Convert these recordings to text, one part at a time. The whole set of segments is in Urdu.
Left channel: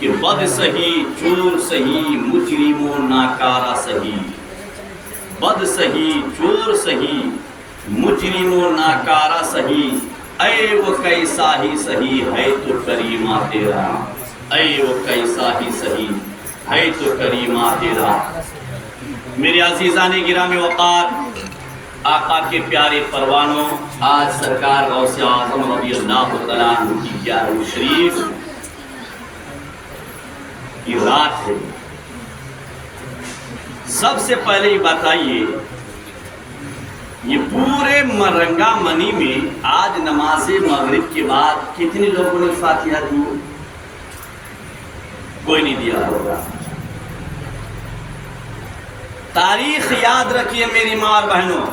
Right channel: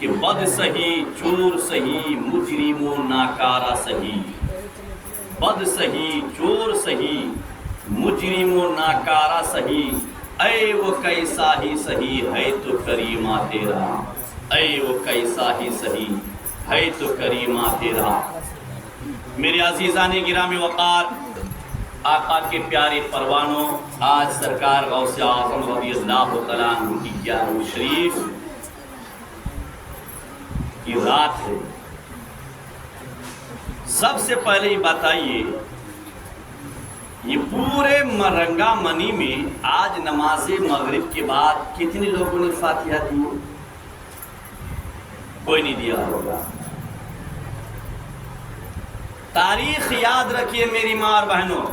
کہ بد سہی چور سہی مجرم و ناکارہ سہی، بد سہی چور سہی مجرم و ناکارہ سہی، اے وہ کیسا ہی سہی ہے تو کریمہ تیرا، اے وہ کیسا ہی سہی ہے تو کریمہ تیرا۔ میرے عزیزان گرامی وقار، آقا کے پیارے پروانوں، آج سرکار غوث اعظم رضی اللہ تعالیٰ عنہ کی 11ویں شریف کی رات ہے۔ سب سے پہلے یہ بتائیے، یہ پورے مرنگا منی میں آج نماز مغرب کے بعد کتنے لوگوں نے فاتحہ دی؟ کوئی نہیں دیا ہوگا۔ تاریخ یاد رکھیے میری ماں اور بہنوں،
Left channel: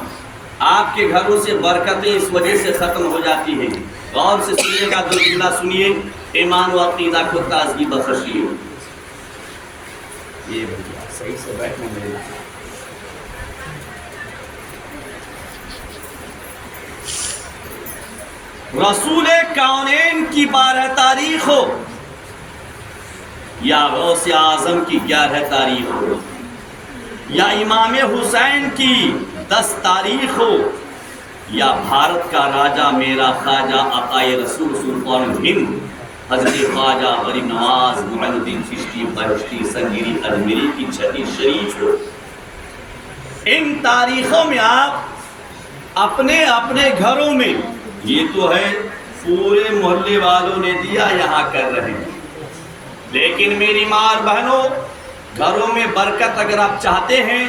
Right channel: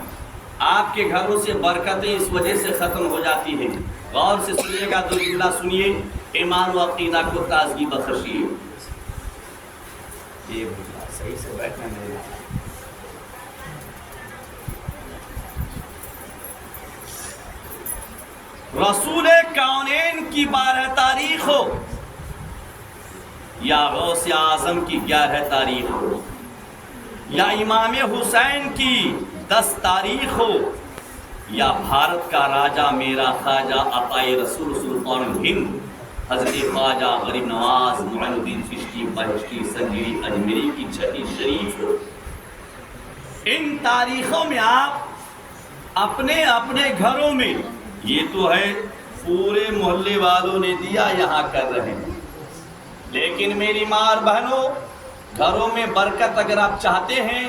آپ کے گھروں سے برکتیں اس وجہ سے ختم ہو جاتی ہیں۔ غور سے سنیے گا، دو جملہ سنیے، ایمان و عقیدہ کو تازگی بخشیے۔ یہ بھیا صحیح سے بیٹھنا میرے رسول کونین کی 12 تاریخ ہو یا غوث اعظم کی 11 تاریخ ہو یا امام حسین کی 10 تاریخ ہو یا بھارت کا راجہ میرا خواجہ عطائے رسول سلطان ہند حضرت خواجہ غریب نواز معین الدین چشتی بہشتی سنگیری اجمیری کی 6 شریف ہو، ان تاریخوں میں آپ اپنے اپنے گھروں میں، یہ تو ہے پورے محلے والوں نے دیا یہاں کر رہے ہیں، لیکن میری ماں اور بہنوں، گھروں میں برکت اگر آپ چاہتے ہیں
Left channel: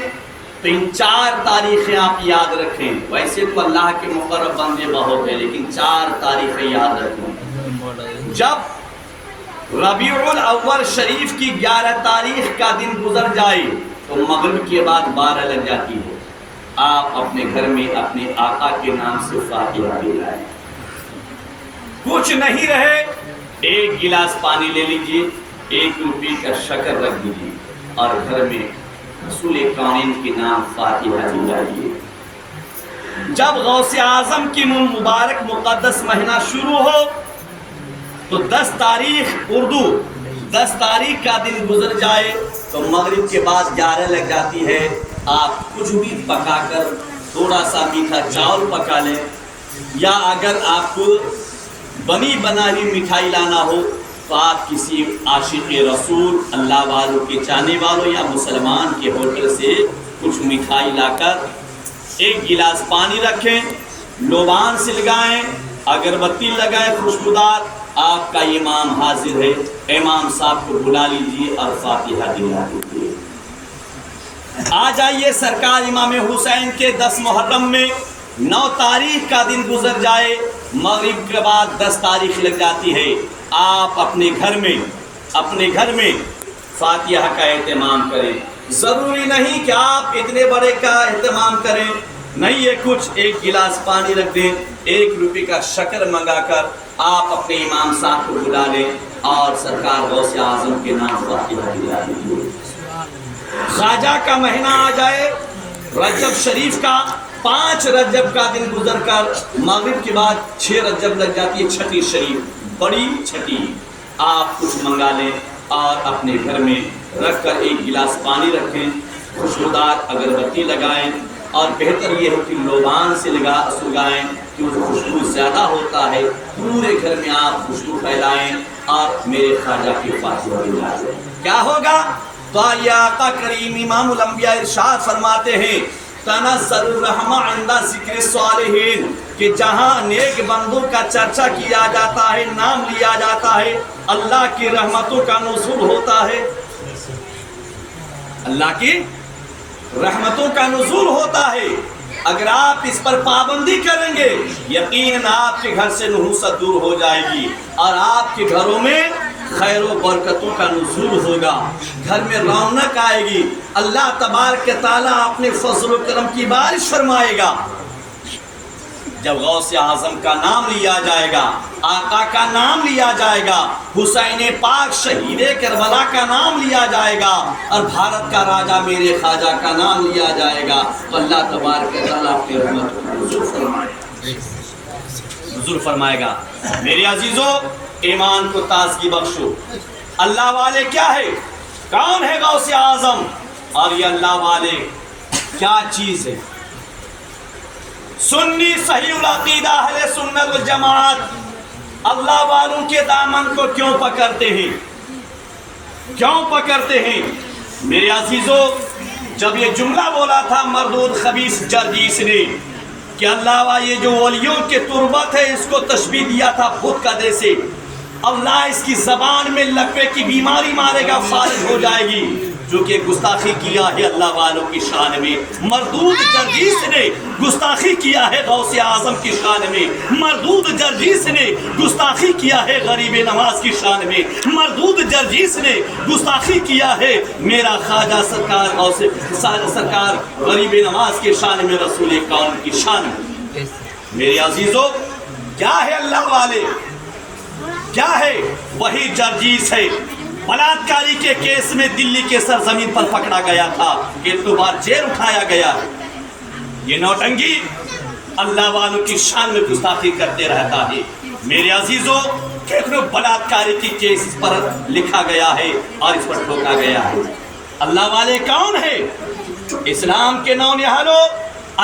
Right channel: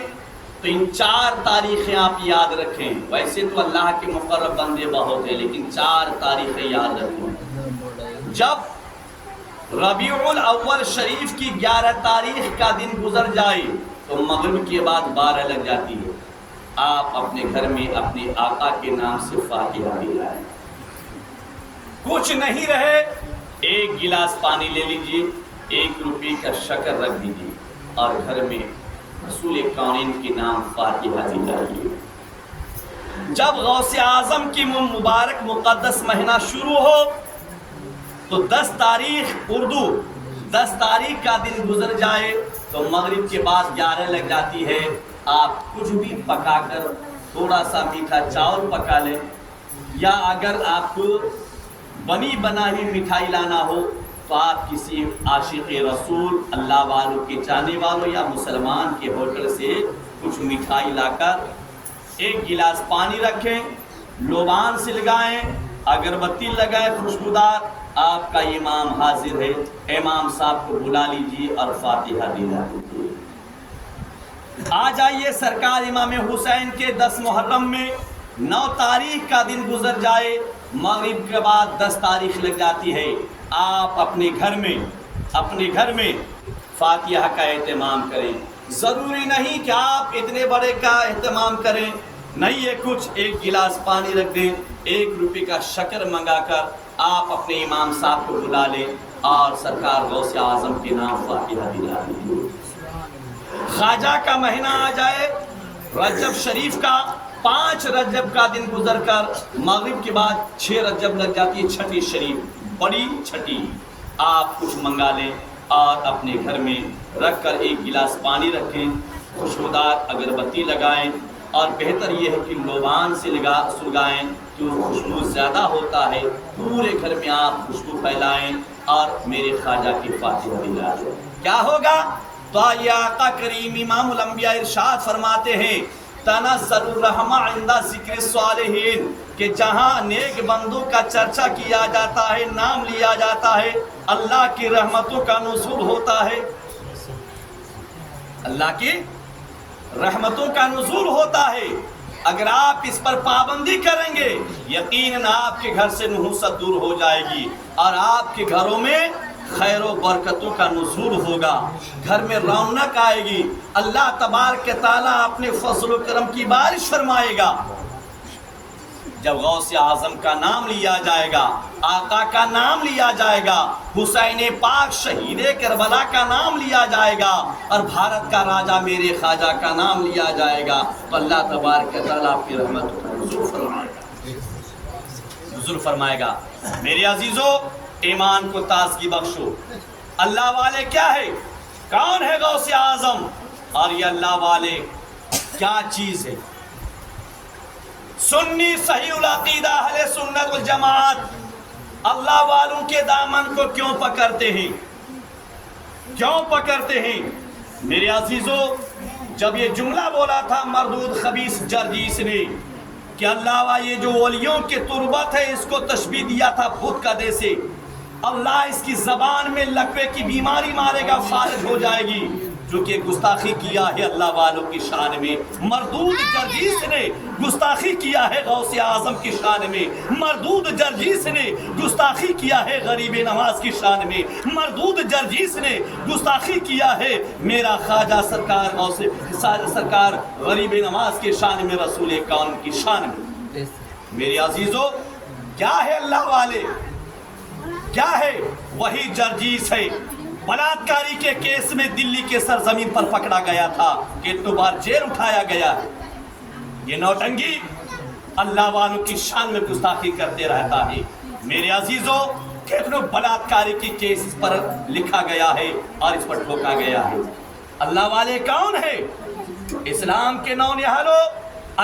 تو ان 4 تاریخیں آپ یاد رکھیں۔ ویسے تو اللہ کے مقرب بندے بہت ہیں، لیکن 4 تاریخیں یاد رکھیں۔ جب ربیع الاول شریف کی 11 تاریخ کا دن گزر جائے تو مغرب کے بعد 12 لگ جاتی ہے، آپ اپنے گھر میں اپنے آقا کے نام سے فاتحہ دلائیں۔ کچھ نہیں رہے، 1 گلاس پانی لے لیجئے، 1 روپے کا شکر رکھ دیجئے اور گھر میں رسول کونین کے نام فاتحہ دلائیے۔ جب غوث اعظم کی مبارک مقدس مہینہ شروع ہو تو 10 تاریخ اردو 10 تاریخ کا دن گزر جائے تو مغرب کے بعد 11 لگ جاتی ہے، آپ کچھ بھی پکا کر تھوڑا سا میٹھا چاول پکا لیں، یا اگر آپ کو بنی بنائی مٹھائی لانا ہو تو آپ کسی عاشق رسول اللہ والوں کے چاہنے والوں یا مسلمان کے ہوٹل سے کچھ مٹھائی لا کر 1 گلاس پانی رکھیں، لوبان سے لگائیں، اگربتی لگائیں خوشبودار، آپ کا امام حاضر ہے، امام صاحب کو بلا لیجیے اور فاتحہ دلا دیجیے۔ آ جائیے سرکار امام حسین کے 10 محرم میں 9 تاریخ کا دن گزر جائے، مغرب کے بعد 10 تاریخ لگ جاتی ہے، آپ اپنے گھر میں فاتحہ کا اہتمام کریں۔ ضروری نہیں کہ آپ اتنے بڑے کا اہتمام کریں، نہیں، یہ کچھ 1 گلاس پانی رکھ دیں، 1 روپے کا شکر منگا کر آپ اپنے امام صاحب کو بلا لیں اور سرکار غوث اعظم کے نام فاتحہ دلا دیجیے۔ خواجہ کا مہینہ آ جائے، رجب شریف کا 5 رجب کا دن گزر کر مغرب کے بعد 6 رجب لگ جاتی ہے، 6 شریف، بڑی 6، آپ کچھ منگا لیں اور اپنے گھر میں رکھ کر 1 گلاس پانی رکھیں، خوشبودار اگربتی لگائیں، اور بہتر یہ ہے کہ لوبان سے سگائیں کہ خوشبو زیادہ ہوتا ہے، پورے گھر میں آپ خوشبو پھیلائیں اور میرے خواجہ کی فاتحہ دلائیں۔ کیا ہوگا؟ تو یہ آقا کریم امام الانبیاء ارشاد فرماتے ہیں، تنزل الرحمہ عند ذکر الصالحین، کہ جہاں نیک بندوں کا چرچا کیا جاتا ہے، نام لیا جاتا ہے، اللہ کی رحمتوں کا نزول ہوتا ہے، اللہ کی رحمتوں کا نزول ہوتا ہے۔ اگر آپ اس پر پابندی کریں گے، یقیناً آپ کے گھر سے نحوست دور ہو جائے گی اور آپ کے گھروں میں خیر و برکتوں کا نزول ہوگا، گھر میں رونق آئے گی، اللہ تبارک تعالیٰ اپنے فضل و کرم کی بارش فرمائے گا۔ جب غوث اعظم کا نام لیا جائے گا، آقا کا نام لیا جائے گا، حسین پاک شہید کربلا کا نام لیا جائے گا، اور بھارت کا راجہ میرے خواجہ کا نام لیا جائے گا، تو اللہ تبارک تعالیٰ اپنی رحمت کو نزول فرمائے گا۔ میرے عزیزوں، ایمان کو تازگی بخشو، اللہ والے کیا ہے؟ کون ہے غوث اعظم؟ اور یہ اللہ والے کیا چیز ہے؟ سنی صحیح العقیدہ اہل سنت والجماعت اللہ والوں کے دامن کو کیوں پکڑتے ہیں؟ کیوں پکڑتے ہیں؟ میرے عزیزو، جب یہ جملہ بولا تھا مردود خبیث جرجیس نے کہ اللہ یہ جو ولیوں کے تربت ہے اس کو تشبیہ دیا تھا بت کدے سے، اللہ اس کی زبان میں لقوے کی بیماری مارے گا، فارغ ہو جائے گی، جو کہ گستاخی کیا ہے اللہ والوں کی شان میں۔ مردود جرجیس نے گستاخی کیا ہے غوث اعظم کی شان میں، مردود جرجیس نے گستاخی کیا ہے غریب نواز کی شان میں، مردود جرجیس نے گستاخی کیا ہے میرا خواجہ سرکار غوث سرکار غریب نواز کی شان میں، رسول کون کی شان میں۔ میرے عزیزو، کیا ہے اللہ والے؟ کیا ہے؟ وہی جرجیس ہے، بلاکاری کے کیس میں دلی کے سرزمین پر پکڑا گیا تھا، کتنی بار جیل اٹھایا گیا ہے۔ یہ نوٹنگی اللہ والوں کی شان میں گستاخی کرتے رہتا ہے۔ میرے عزیزو، کتنی بلاکاری کی کیس اس پر لکھا گیا ہے اور اس پر ٹھوکا گیا ہے۔ اللہ والے کون ہے؟ اسلام کے نونہالو،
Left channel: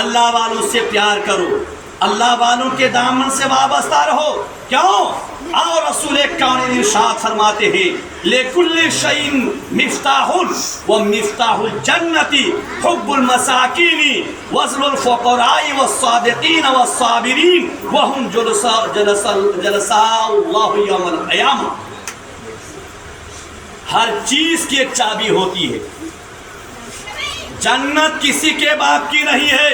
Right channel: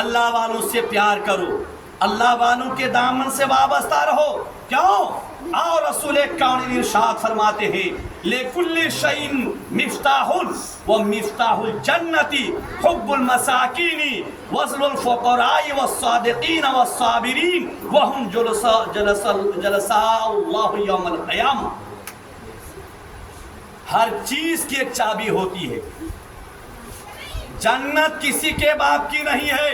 اللہ والوں سے پیار کرو، اللہ والوں کے دامن سے وابستہ رہو۔ کیوں؟ اور رسول کون ارشاد فرماتے ہیں لِكُلِّ شَيْءٍ مِفْتَاحٌ وَمِفْتَاحُ الْجَنَّةِ حُبُّ الْمَسَاكِينِ وَصْلُ الْفُقَرَاءِ وَالصَّادِقِينَ وَالصَّابِرِينَ وَهُمْ جُلَسَاءُ اللَّهِ يَوْمَ الْقِيَامَةِ۔ ہر چیز کی ایک چابی ہوتی ہے۔ جنت کسی کے باپ کی نہیں ہے،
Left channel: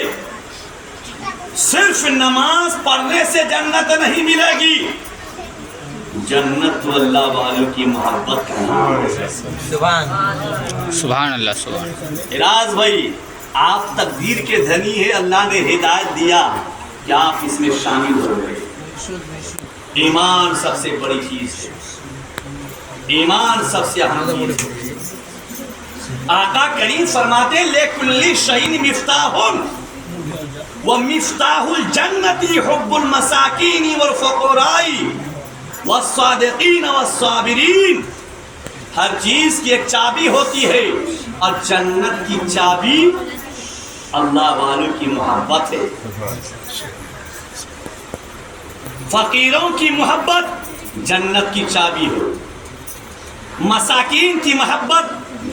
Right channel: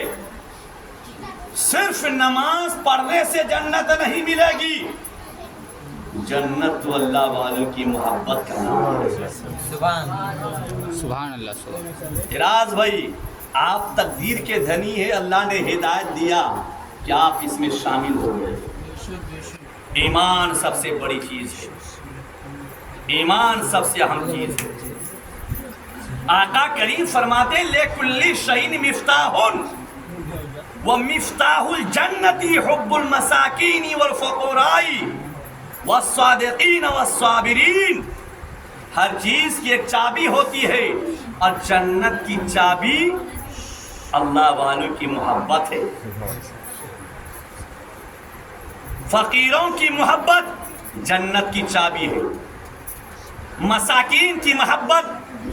صرف نماز پڑھنے سے جنت نہیں ملے گی، جنت تو اللہ والوں کی محبت کا نام ہے۔ سبحان اللہ سبحان اللہ۔ راز بھائی، آپ تقدیر کے دھنی ہیں، اللہ نے ہدایت دیا کہ آپ اس میں شامل ہو گئے۔ ایمان سب سے بڑی چیز ہے، ایمان سب سے اہم چیز ہے۔ آقا کریم فرماتے لِكُلِّ شَيْءٍ مِفْتَاحٌ وَمِفْتَاحُ الْجَنَّةِ حُبُّ الْمَسَاكِينِ وَالْفُقَرَاءِ وَالصَّادِقِينَ وَالصَّابِرِينَ۔ ہر چیز کی ایک چابی ہوتی ہے، اور جنت کی چابی اللہ والوں کی محبت ہے۔ فقیروں کی محبت جنت کی چابی ہے، مساکین کی محبت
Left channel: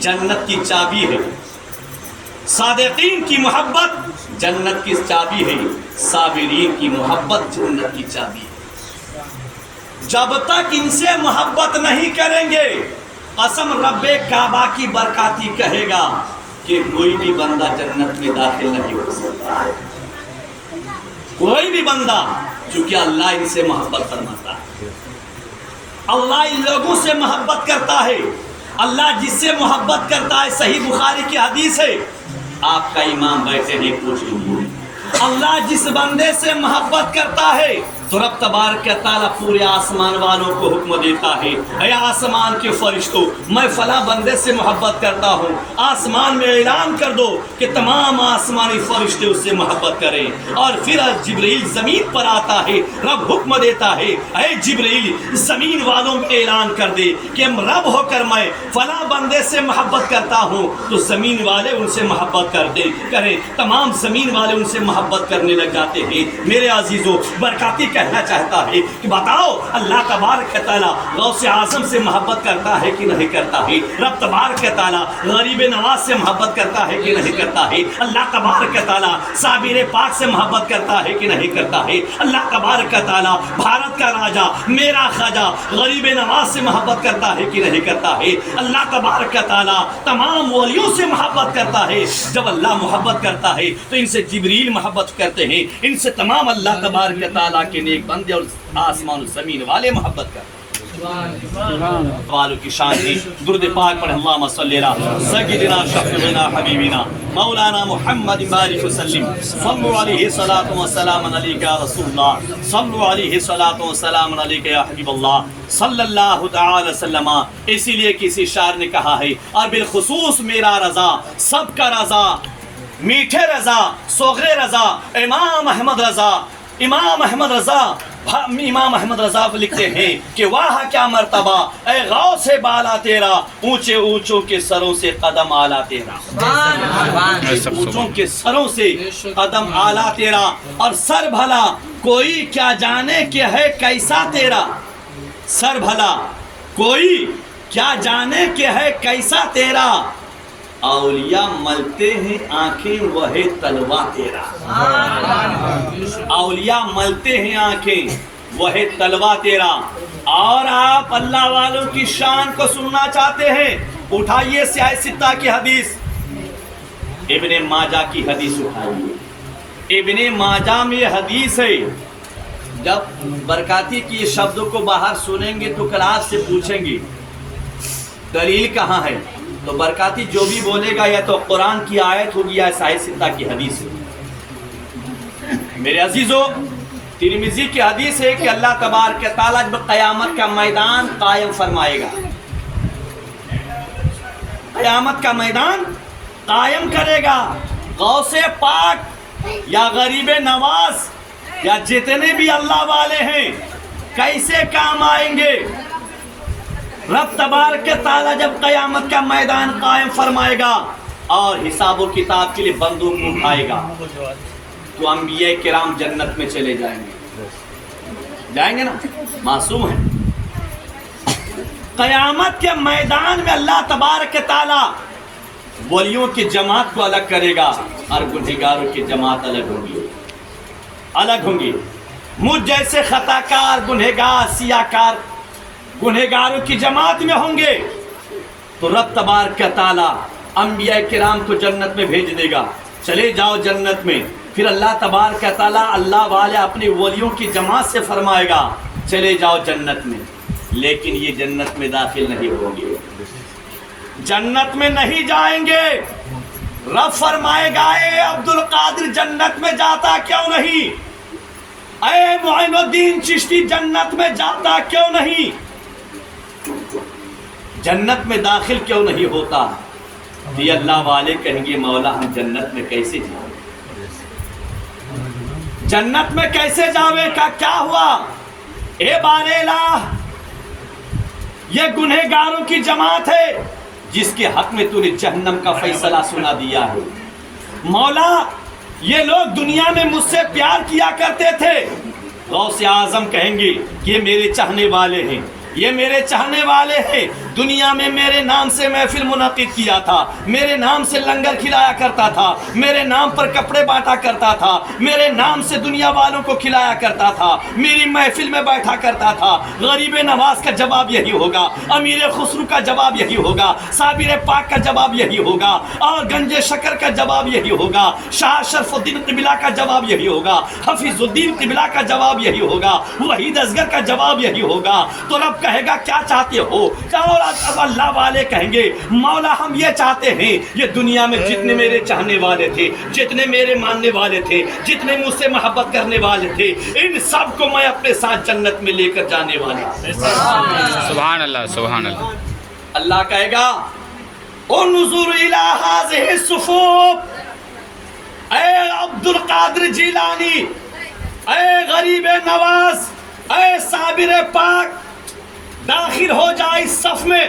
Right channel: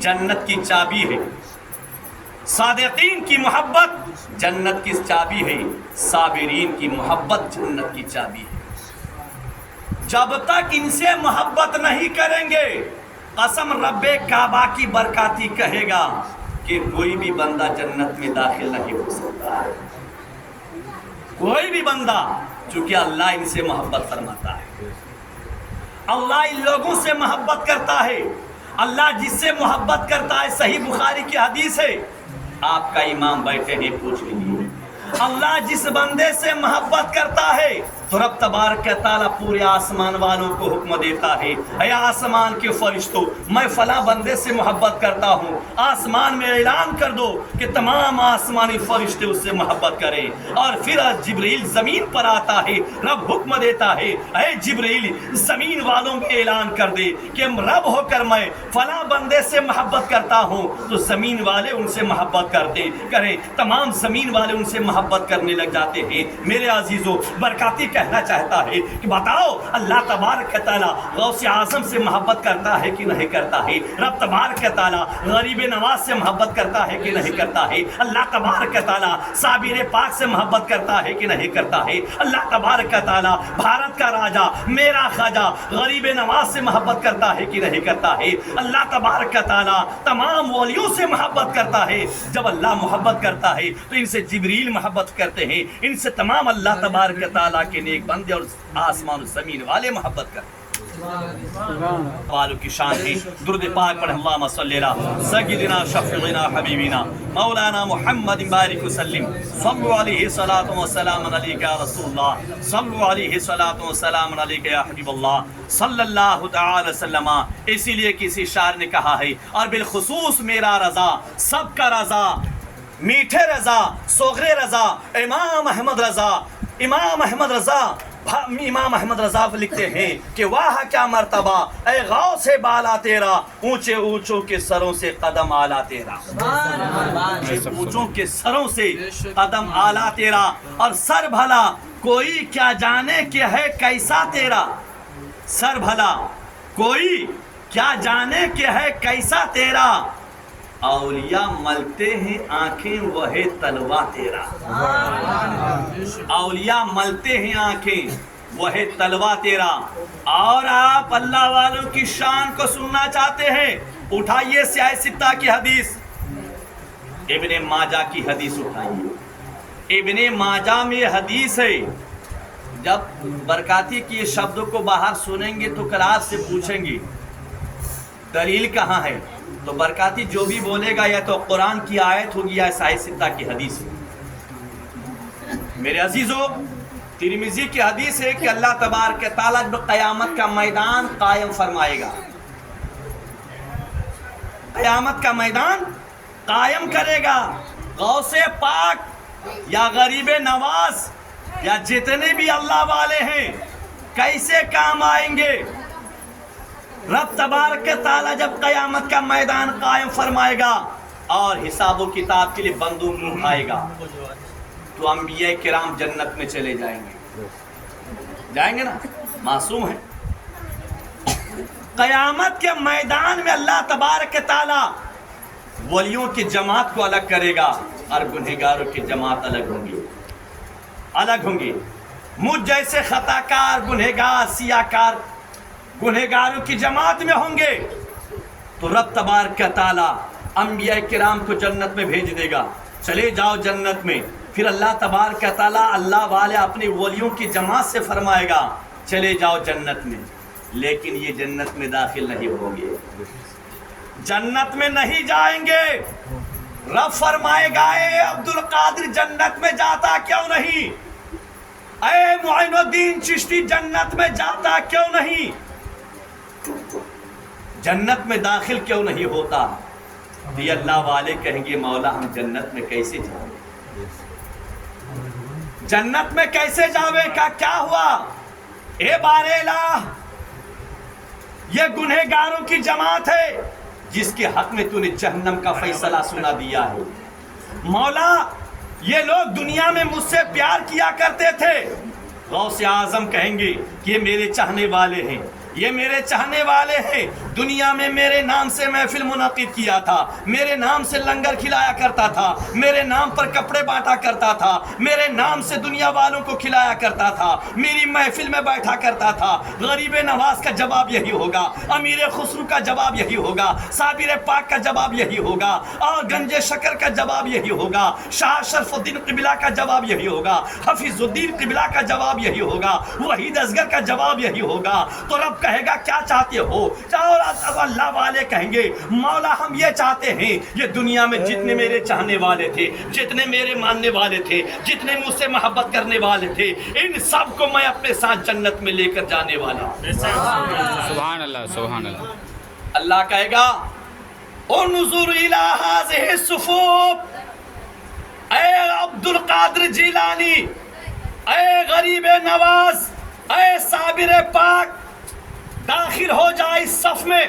جنت کی چابی ہے، صادقین کی محبت جنت کی چابی ہے، صابرین کی محبت جنت کی چابی ہے۔ جب تک ان سے محبت نہیں کریں گے، قسم رب کعبہ کی برکاتی کہے گا کہ کوئی بھی بندہ جنت میں داخل نہیں ہو سکتا ہے، کوئی بھی بندہ، چونکہ اللہ ان سے محبت فرماتا ہے، اللہ ان لوگوں سے محبت کرتا ہے۔ اللہ جس سے محبت کرتا ہے، صحیح بخاری کی حدیث ہے، آپ کا امام بیٹھے نہیں پوچھ لیجیے، اللہ جس بندے سے محبت کرتا ہے تو رب تبارک تعالیٰ پورے آسمان والوں کو حکم دیتا ہے، اے آسمان کے فرشتوں، میں فلاں بندے سے محبت کرتا ہوں، آسمان میں اعلان کر دو کہ تمام آسمانی فرشتے اس سے محبت کریں۔ اور پھر جبرائیل زمین پر آتا ہے، رب حکم دیتا ہے، اے جبرائیل زمین والوں میں اعلان کر دے کہ رب ہو کر میں فلاں بندے سے محبت کرتا ہوں، تو زمین والے ان سے محبت کریں، تمام زمین والے ان سے محبت کرنے لگ جاتے ہیں۔ میرے عزیزو، برکاتی کہنا چاہتا ہے کہ بتاؤ اللہ تبارک تعالیٰ غوث اعظم سے محبت کرتا ہے کہ نہیں کرتا ہے؟ رب تبارک تعالیٰ غریب نواز سے محبت کرتا ہے کہ نہیں کرتا ہے؟ اللہ تبارک تعالیٰ صابر پاک سے محبت کرتا ہے کہ نہیں کرتا ہے؟ اللہ تبارک تعالیٰ بھارت کا راجا میرا خواجہ غریب نواز سے محبت کرتا ہے کہ نہیں کرتا ہے؟ اللہ تبارک تعالیٰ تمام ولیوں سے محبت کرتا ہے۔ جب اللہ محبت کرتا ہے تو ان سے جبریل محبت کرتے ہیں، ان سے تمام اللہ تبارک تعالیٰ کے نیک بندے اور آسمان و زمین والے محبت کرتے ہیں۔ والوں کی شان ہے۔ درود پاک پڑھ، اللہم صلی علی سیدنا شفیعنا حبیبنا مولانا محمد بارک وسلم، صلو علیہ صلاۃ و سلام علیک یا رسول اللہ، صلو علیہ صلاۃ و سلام علیک یا حبیب اللہ صلی اللہ تعالی وسلم۔ اسی لیے کسی شاعر نے کہا ہے، اور بالخصوص میرا رضا سب کا رضا، میٹھے رضا، صغرے رضا، امام احمد رضا، امام احمد رضا امام احمد رضا لکھتے ہیں کہ واہ کیا مرتبہ اے غوث بالا تیرا، اونچے اونچوں کے سروں سے قدم آلا تیرا، اونچوں کے سروں سے قدم آلا تیرا، اور سر بھلا کوئی کیا جانے کہ ہے کیسا تیرا، سر بھلا کوئی کیا جانے کہ ہے کیسا تیرا، اولیاء ملتے ہیں آنکھیں وہ ہے تلوا تیرا، اولیاء ملتے ہیں آنکھیں وہ ہے تلوا تیرا۔ اور آپ اللہ والوں کی شان کو سننا چاہتے ہیں، اٹھائیے سیاہ ستہ کی حدیث، ابن ماجہ کی حدیث اٹھائیے۔ ابن ماجہ میں حدیث ہے، جب برکاتی کی شبدوں کو باہر سنیں گے تو کلاس سے پوچھیں گے دلیل کہاں ہے، تو برکاتی جو بھی بولے گا یا تو قرآن کی آیت ہوگی یا سیاہ ستہ کی حدیث ہوگی۔ میرے عزیزو، ترمذی کی حدیث ہے کہ اللہ تبارک و تعالیٰ جب قیامت کا میدان قائم فرمائے گا، قیامت کا میدان قائم کرے گا، غوث پاک یا غریب نواز یا جتنے بھی اللہ والے ہیں کیسے کام آئیں گے؟ رب تبارک تعالیٰ جب قیامت کا میدان قائم فرمائے گا اور حساب و کتاب کے لیے بندوق اٹھائے گا، تو انبیاء کرام جنت میں چلے جائیں گے نا، معصوم ہیں۔ قیامت کے میدان میں اللہ تبارک تعالیٰ ولیوں کی جماعت کو الگ کرے گا اور گنہگاروں کی جماعت الگ ہوں گی۔ مجھ جیسے خطا کار، گنہگار، سیاہ کار گنہگاروں کی جماعت میں ہوں گے، تو رب تبارک تعالیٰ انبیاء کرام کو جنت میں بھیج دے گا، چلے جاؤ جنت میں۔ پھر اللہ تبارک تعالیٰ اللہ والے اپنی ولیوں کی جماعت سے فرمائے گا چلے جاؤ جنت میں، لیکن یہ جنت میں داخل نہیں ہوں گے، جنت میں نہیں جائیں گے۔ رب فرمائے گا اے عبد القادر جنت میں جاتا کیوں نہیں، اے معین الدین چشتی جنت میں جاتا کیوں نہیں، جنت میں داخل کیوں نہیں ہوتا؟ یہ اللہ والے کہیں گے مولا ہم جنت میں کیسے جائیں، جنت میں کیسے جاوے کا کیا ہوا؟ اے بار الہ، یہ گنہگاروں کی جماعت ہے جس کے حق میں تو نے جہنم کا فیصلہ سنا دیا ہے۔ مولا یہ لوگ دنیا میں مجھ سے پیار کیا کرتے تھے، غوث اعظم کہیں گے یہ میرے چاہنے والے ہیں، یہ میرے چاہنے والے ہیں، دنیا میں میرے نام سے محفل منعقد کیا تھا، میرے نام سے لنگر کھلایا کرتا تھا، میرے نام پر کپڑے بانٹا کرتا تھا، میرے نام سے دنیا والوں کو کھلایا کرتا تھا، میری محفل میں بیٹھا کرتا تھا۔ غریب نواز کا جواب یہی ہوگا، امیر خسرو کا جواب یہی ہوگا، صابر پاک کا جواب یہی ہوگا، اور گنج شکر کا جواب یہی ہوگا، شاہ شرف الدین قبلہ کا جواب یہی ہوگا، حفیظ الدین قبلہ کا جواب یہی ہوگا، وحید اصغر کا جواب یہی ہوگا۔ تو رب کہے گا کیا چاہتے ہو؟ اور اب اللہ والے کہیں گے مولا ہم یہ چاہتے ہیں یہ دنیا میں جتنے میرے چاہنے والے تھے، جتنے میرے ماننے والے تھے، جتنے مجھ سے محبت کرنے والے تھے، ان سب کو میں اپنے ساتھ جنت میں لے کر جانے والا۔ سبحان اللہ، سبحان اللہ۔ اللہ کہے گا انظر الی ہذہ الصفوف، اے عبد القادر جیلانی، اے غریب نواز، اے صابر پاک، داخل ہو جائے اس صف میں۔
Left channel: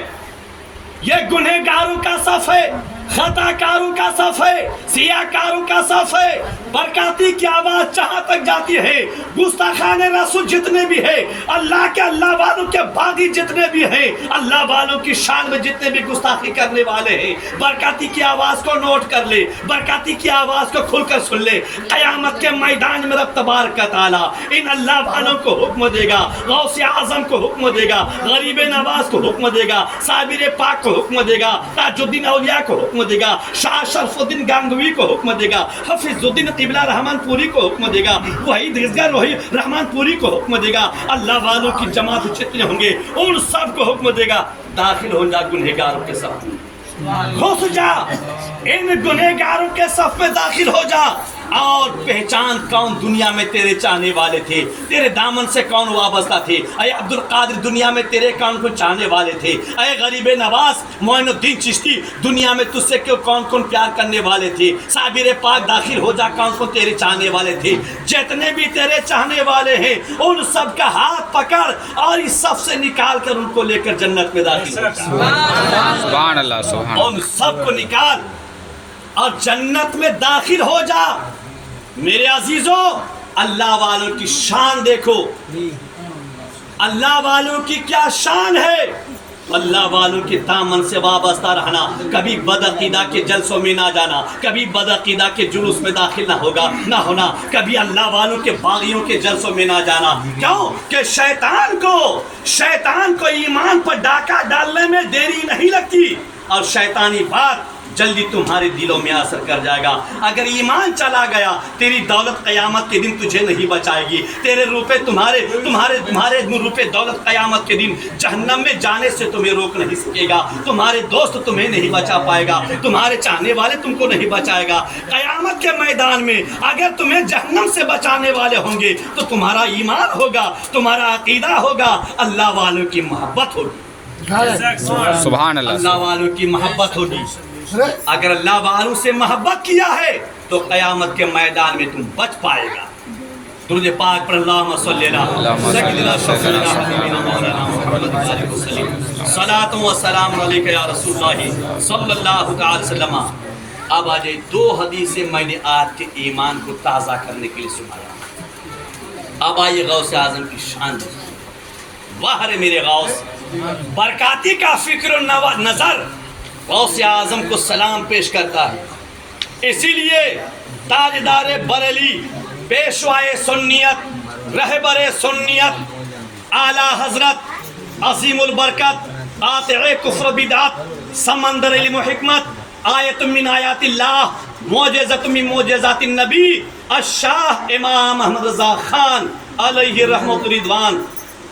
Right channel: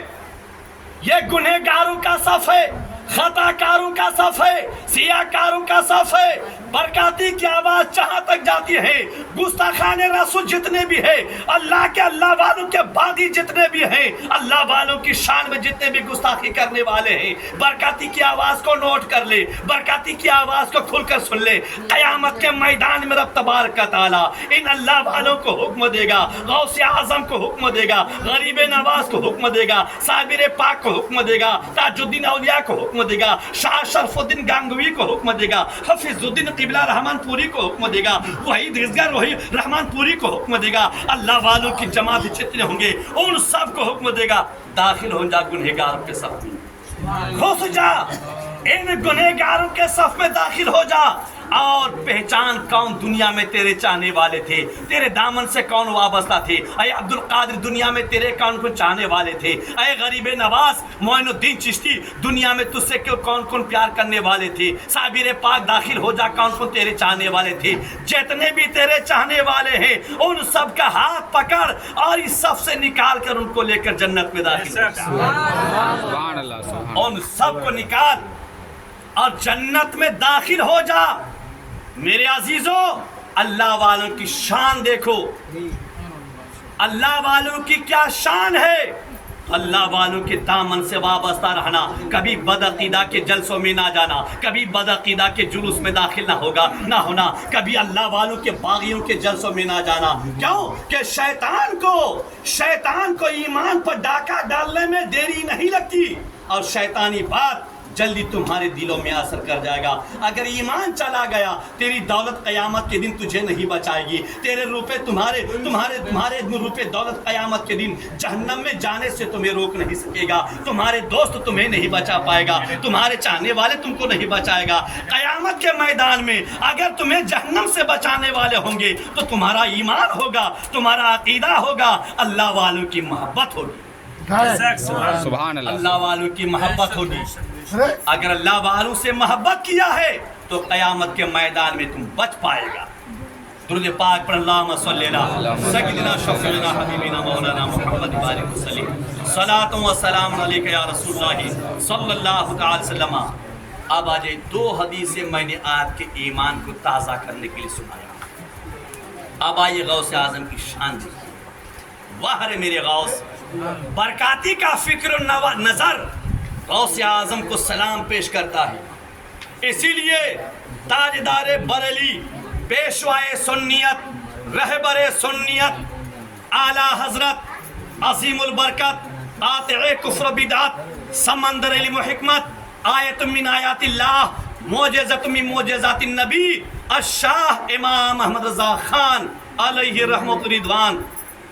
یہ گنہگاروں کا صف ہے، خطا کاروں کا صف ہے، سیاہ کاروں کا صف ہے۔ برکاتی کی آواز جہاں تک جاتی ہے، گستاخان رسول جتنے بھی ہیں، اللہ کے اللہ والوں کے باغی جتنے بھی ہیں، اللہ والوں کی شان میں جتنے بھی گستاخی کرنے والے ہیں، برکاتی کی آواز کو نوٹ کر لے، برکاتی کی آواز کو کھل کر سن لے۔ قیامت کے میدان میں رب تبارک تعالیٰ ان اللہ والوں کو حکم دے گا، غوث اعظم کو حکم دے گا، غریب نواز کو حکم دے گا، صابر پاک کو حکم دے گا، تاج الدین اولیاء کو حکم دے گا، شاہ شرف الدین گانگوی کو حکم دے گا، حفیظ الدین قبلہ رحمان پوری کو حکم دے گا، وحید اصغر رحمان پوری کو حکم دے گا، اللہ والوں کی جماعت جتنے ہوں گے ان سب کو حکم دے گا داخل ہو جا گنہگاروں کے صف میں، گھس جا ان گنہگاروں کے صف میں، داخل ہو جا۔ اور پہچان کون دنیا میں تیرے چاہنے والے تھے، تیرے دامن سے کون وابستہ تھے۔ اے عبد القادر دنیا میں تیرے کون کون چاہنے والے تھے۔ اے غریب نواز معین الدین چشتی دنیا میں تجھ سے کون کون پیار کرنے والے تھے۔ صابر پاک داخل ہو جا، کون کون تیرے چاہنے والے تھے۔ جتنے بھی تیرے چاہنے والے ہیں ان سب کا ہاتھ پکڑ اور اس سب سے نکال کر ان کو لے کر جنت میں داخل ہو جا۔ سبحان اللہ سبحان ان سب کو نکال اور جنت میں داخل ہو جا۔ میرے عزیزوں، اللہ والوں کی شان دیکھو، اللہ والوں کی کیا شان ہے۔ اللہ والوں کے دامن سے وابستہ رہنا، کبھی بدعقیدہ کے جلسوں میں نہ جانا، کبھی بدعقیدہ کے جلوس میں داخل نہ ہونا، کبھی اللہ والوں کے باغیوں کے جلسوں میں نہ جانا۔ کیوں کہ شیطان کو ایمان پر ڈاکہ ڈالنے میں دیری نہیں لگتی، اور شیطانی بات جلدی تمہارے دلوں میں اثر کر جائے گا۔ اگر ایمان چلا گیا، تیری دولت قیامت کے دن تجھے نہیں بچائے گی، تیرے روپے تمہارے روپے دولت قیامت کے دن جہنم میں جانے سے تمہیں روک نہیں سکے گا، تمہارے دوست تمہیں نہیں بچا پائے گا، تمہارے چاہنے والے تم کو نہیں بچائے گا۔ قیامت کے میدان میں اگر تمہیں جہنم سے بچانے والے ہوں گے تو تمہارا ایمان ہوگا، تمہارا عقیدہ ہوگا، اللہ والوں کی محبت ہوگی، سبحان اللہ اللہ والوں کی محبت ہوگی۔ اگر اللہ والوں سے محبت کیا ہے تو قیامت کے میدان میں تم بچ پائے گا۔ درود پاک پر اللہم صلی اللہ سیدنا شفیعنا حبیبنا مولانا محمد وآلہ وسلم، صلاۃ و سلام علیک یا رسول اللہ صلی اللہ تعالی وسلم۔ اب آج دو حدیثیں میں نے آپ کے ایمان کو تازہ کرنے کے لیے سنایا۔ اب آئیے غوث اعظم کی شان دیکھیے۔ واہ رے میرے غوث، برکاتی کا فکر و نظر غوث اعظم کو سلام پیش کرتا ہے۔ اسی لیے تاجدار بریلی، پیشوائے سنیت، رہبر سنیت، اعلیٰ حضرت، عظیم البرکت، قاطع کفر بدعت، سمندر علم و حکمت، آیت من آیات اللہ، معجزت من معجزات النبی، الشاہ امام احمد رضا خان علیہ رحمت رضوان،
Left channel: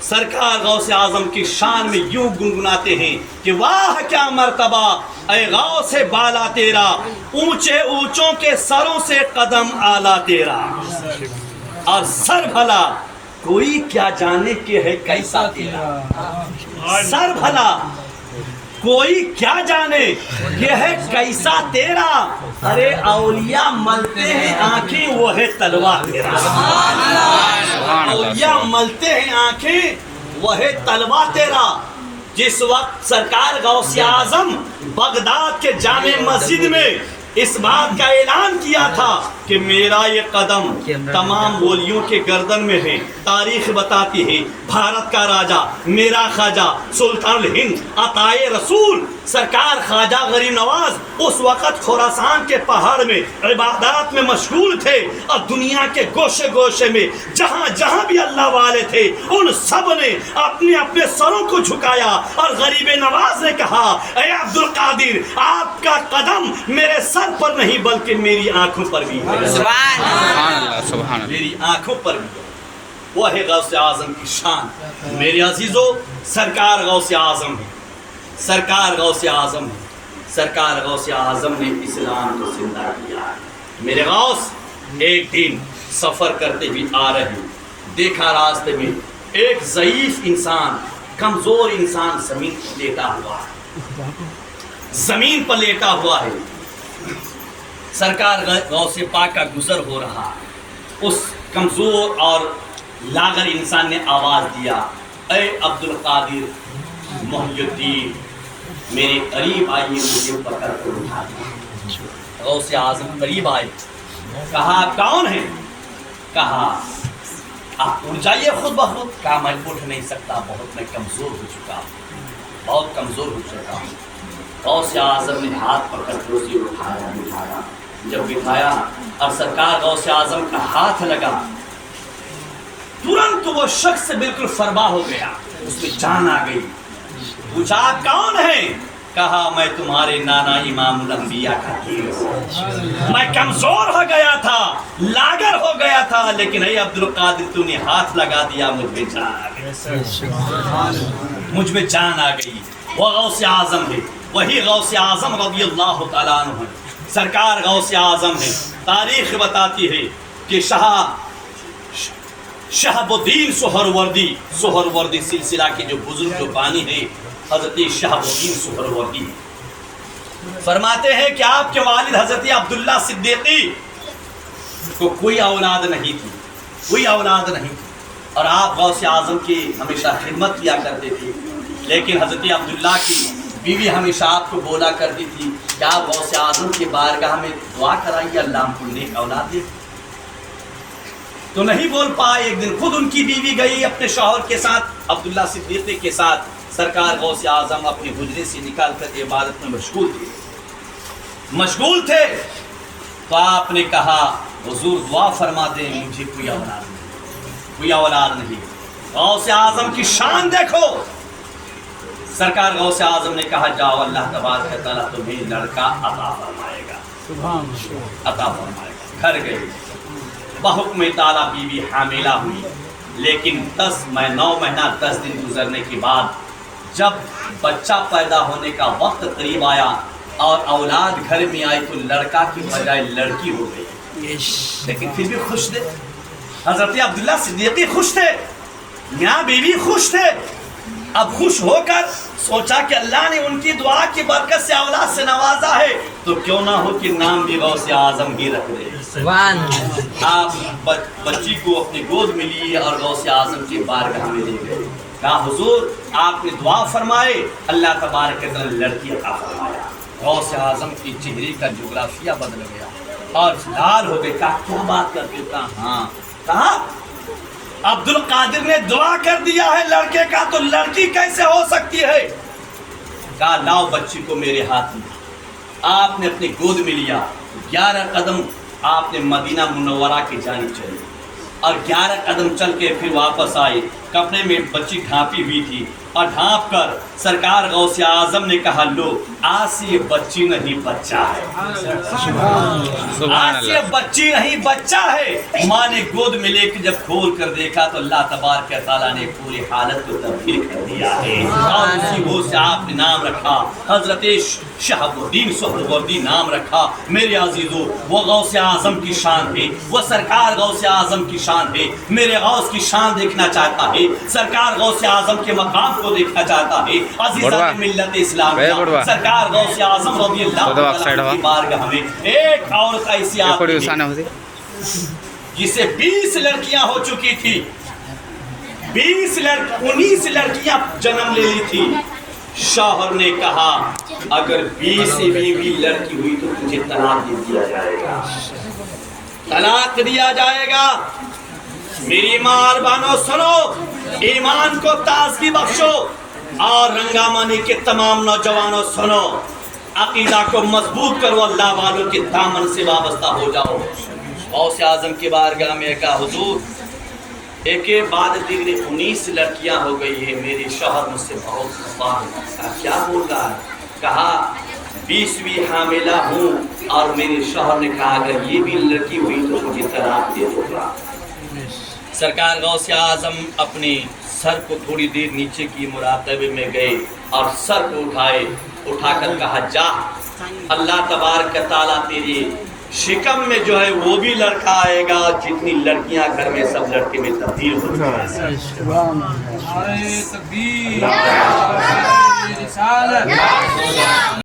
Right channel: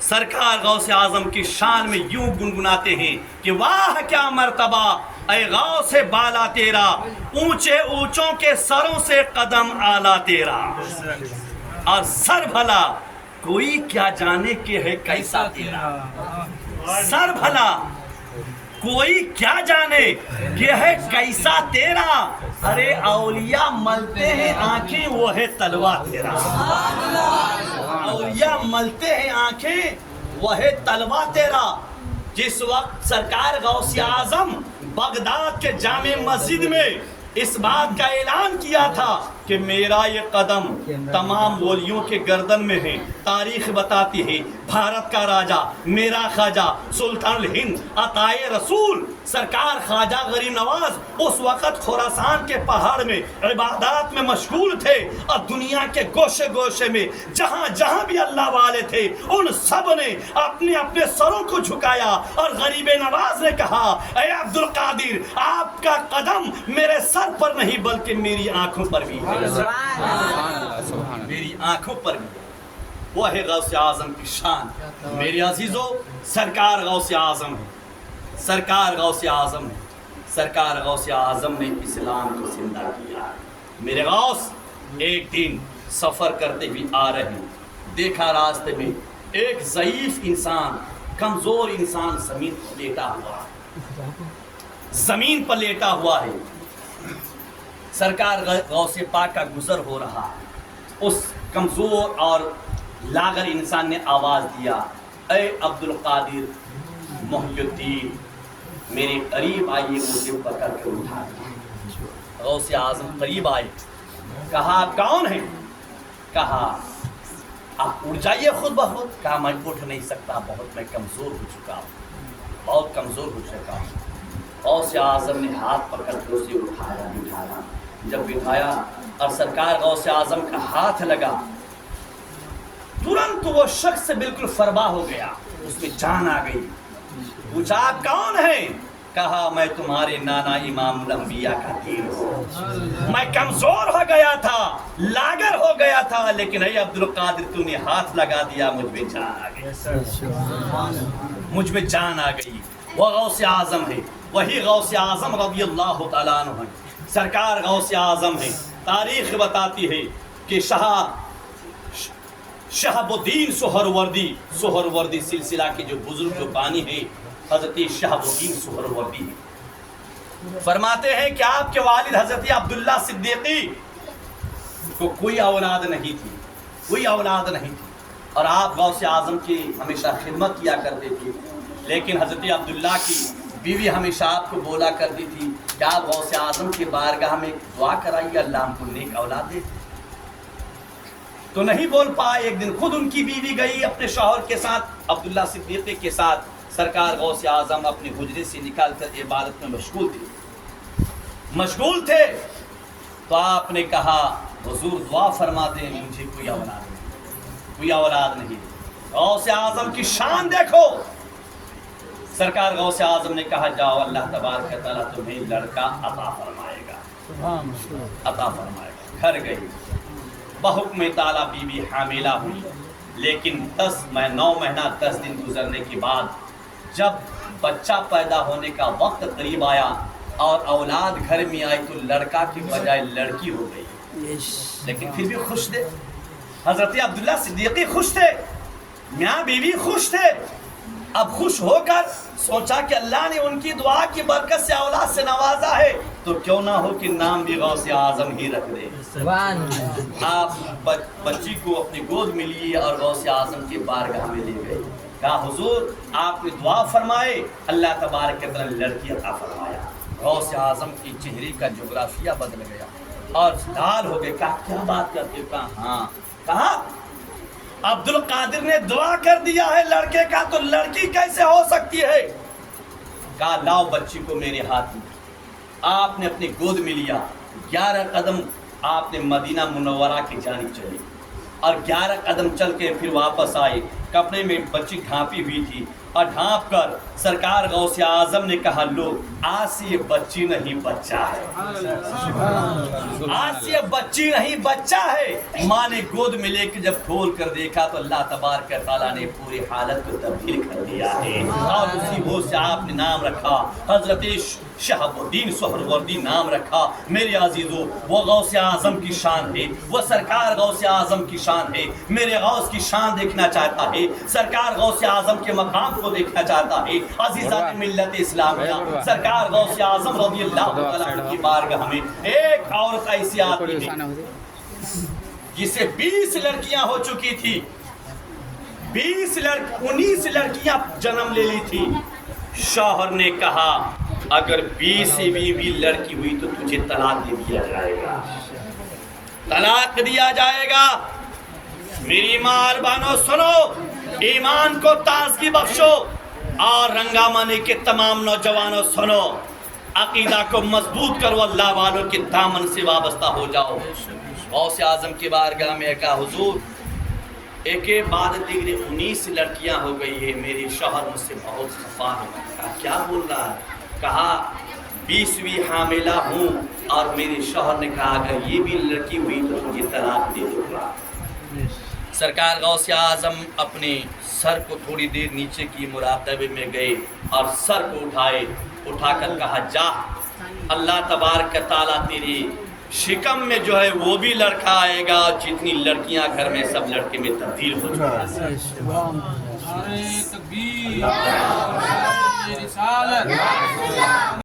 سرکار غوث اعظم کی شان میں یوں گنگناتے ہیں کہ واہ کیا مرتبہ اے غوث بالا تیرا، اونچے اونچوں کے سروں سے قدم آلہ تیرا، اور سر بھلا کوئی کیا جانے کہ ہے کیسا تیرا، سر بھلا کوئی کیا جانے کہ ہے کیسا تیرا، ارے اولیاء ملتے ہیں آنکھیں وہ ہے تلوار تیرا، اولیاء ملتے ہیں آنکھیں وہ ہے تلوار تیرا۔ جس وقت سرکار غوث اعظم بغداد کے جامع مسجد میں اس بات کا اعلان کیا تھا کہ میرا یہ قدم تمام ولیوں کے گردن میں ہے، تاریخ بتاتی ہے بھارت کا راجہ میرا خواجہ سلطان الہند عطائے رسول سرکار خواجہ غریب نواز اس وقت خراسان کے پہاڑ میں عبادات میں مشغول تھے، اور دنیا کے گوشے گوشے میں جہاں جہاں بھی اللہ والے تھے ان سب نے اپنے اپنے سروں کو جھکایا، اور غریب نواز نے کہا اے عبد القادر آپ کا قدم میرے سر پر نہیں بلکہ میری آنکھوں پر بھی ہے، میری آنکھوں پر بھی ہے۔ وہ ہے غوث اعظم کی شان۔ میرے عزیزو، سرکار غوث اعظم ہے، سرکار غوث اعظم ہے، سرکار غوث اعظم نے اسلام کو زندہ کیا۔ میرے غوث ایک دن سفر کرتے ہوئے آ رہے ہیں، دیکھا راستے میں ایک ضعیف انسان، کمزور انسان زمین پر لیٹا ہوا ہے، زمین پر لیٹا ہوا ہے۔ سرکار غوث پاک کا گزر ہو رہا، اس کمزور اور لاغر انسان نے آواز دیا اے عبد القادر محی الدین میرے قریب آئیے، مجھے پکڑ کر اٹھا دیا۔ غوث اعظم قریب آئے، کہا آپ کون ہیں؟ کہا آپ اٹھ جائیے خود بخود۔ کہا میں اٹھ نہیں سکتا، بہت میں کمزور ہو چکا ہوں، بہت کمزور ہو چکا ہوں۔ غوث اعظم نے ہاتھ پکڑ کر اسے اٹھایا، جب بٹھایا اور سرکار غوث اعظم کا ہاتھ لگا، ترنت وہ شخص بالکل فربا ہو گیا، اس میں جان آ گئی۔ پوچھا آپ کون ہیں؟ کہا میں تمہارے نانا امام الانبیاء کا دین ہوں، میں کمزور ہو گیا تھا، لاغر ہو گیا تھا، لیکن اے عبد القادر تو نے ہاتھ لگا دیا، مجھ میں جان آ گئی، مجھ میں جان آ گئی۔ وہ غوث اعظم ہے، وہی غوث اعظم رضی اللہ تعالیٰ عنہ ہے۔ سرکار غوث اعظم ہے. تاریخ بتاتی ہے کہ شہاب الدین سہروردی سلسلہ کے جو بزرگ جو بانی ہے حضرت شہاب الدین سہروردی فرماتے ہیں کہ آپ کے والد حضرت عبداللہ صدیقی کو کوئی اولاد نہیں تھی اور آپ غوث اعظم کی ہمیشہ خدمت کیا کرتے تھے. لیکن حضرت عبداللہ کی بیوی ہمیشہ آپ کو بولا کرتی تھی کہ آپ غوث اعظم کی بارگاہ میں دعا کرائیے اللہ ہم کو نیک اولاد دے. تو نہیں بول پائے. ایک دن خود ان کی بیوی گئی اپنے شوہر کے ساتھ عبداللہ صدیقی کے ساتھ. سرکار غوث اعظم اپنے حجرے سے نکال کر عبادت میں مشغول تھے. تو آپ نے کہا حضور دعا فرما دیں مجھے کوئی اولاد نہیں. غوث اعظم کی شان دیکھو. سرکار غوث اعظم نے کہا جاؤ اللہ تبارک و تعالیٰ تمہیں لڑکا عطا فرمائے گا. گھر گئی بحکم تعالیٰ بیوی حاملہ ہوئی. لیکن 9 مہینہ 10 دن گزرنے کے بعد جب بچہ پیدا ہونے کا وقت قریب آیا اور اولاد گھر میں آئی تو لڑکا کی بجائے لڑکی ہو گئی. لیکن پھر بھی خوش تھے. حضرت عبداللہ صدیقی خوش تھے, میاں بیوی خوش تھے. اب خوش ہو کر سوچا کہ اللہ نے ان کی دعا کی برکت سے اولاد سے نوازا ہے تو کیوں نہ ہو کہ نام بھی غوث اعظم ہی رکھ دے. آپ بچی کو اپنی گود میں لیے اور غوث اعظم کے بارگاہ میں لے گئے. کہا حضور آپ نے دعا فرمائے اللہ تبارک و تعالی لڑکی عطا فرمایا. غوث اعظم کی چہرے کا جغرافیہ بدل گیا اور لال ہو گئے. کہا کیا بات کرتے ہو؟ کہا ہاں. کہا عبد القادر نے دعا کر دیا ہے لڑکے کا تو لڑکی کیسے ہو سکتی ہے؟ کہا لاؤ بچی کو میرے ہاتھ میں. آپ نے اپنی گود میں لیا. 11 قدم آپ نے مدینہ منورہ کی جانب چلے اور 11 قدم چل کے پھر واپس آئے. کپڑے میں بچی ڈھانپی ہوئی تھی اور ڈھانپ کر سرکار غوث اعظم نے کہا لو آج سے یہ بچی نہیں بچہ ہے. آج سے بچی نہیں بچہ ہے. ماں نے گود میں لے کے جب کھول کر دیکھا تو اللہ تبارک و تعالیٰ نے پوری حالت کو تبدیل کر دیا ہے اور اسی وہ سے آپ نے نام رکھا حضرت شہاب الدین سہروردی نام رکھا. میرے عزیزو وہ غوث اعظم کی شان ہے, وہ سرکار غوث اعظم کی شان ہے. میرے غوث کی شان دیکھنا چاہتا ہے, سرکار غوث اعظم کے مقام کو دیکھنا چاہتا ہے. عزیزان ملت اسلام سرکار غوث اعظم رضی اللہ عنہ کی بارگاہ میں ایک عورت ایسی آتی جسے 20 لڑکیاں ہو چکی تھی. 19 لڑکیاں جنم لے لی تھی. شوہر نے کہا اگر 20 سے بھی لڑکی ہوئی تو تجھے طلاق دیا جائے گا. طلاق دیا جائے گا. میری ماں بانو سنو, ایمان کو تازگی بخشو اور رنگامانی کے تمام نوجوانوں سنو, عقیدہ کو مضبوط کرو, اللہ والوں کے دامن سے وابستہ ہو جاؤ. غوث اعظم کی بارگاہ میں کہا حضور ایک بعد دیگر 19 لڑکیاں ہو گئی ہے. میرے شوہر مجھ سے بہت خفا ہے. کہا کیا بول رہا ہے؟ کہا 20ویں حاملہ ہوں اور میرے شوہر نے کہا اگر یہ بھی لڑکی ہوئی تو مجھے طلاق دے دو گا. سرکار غوث اعظم اپنے سر کو تھوڑی دیر نیچے کی مراقبے میں گئے اور سر کو اٹھا کر کہا جا اللہ تبارک تعالیٰ تیری شکم میں جو ہے وہ بھی لڑکا آئے گا, جتنی لڑکیاں گھر میں سب لڑکے میں تبدیل ہو جائیں.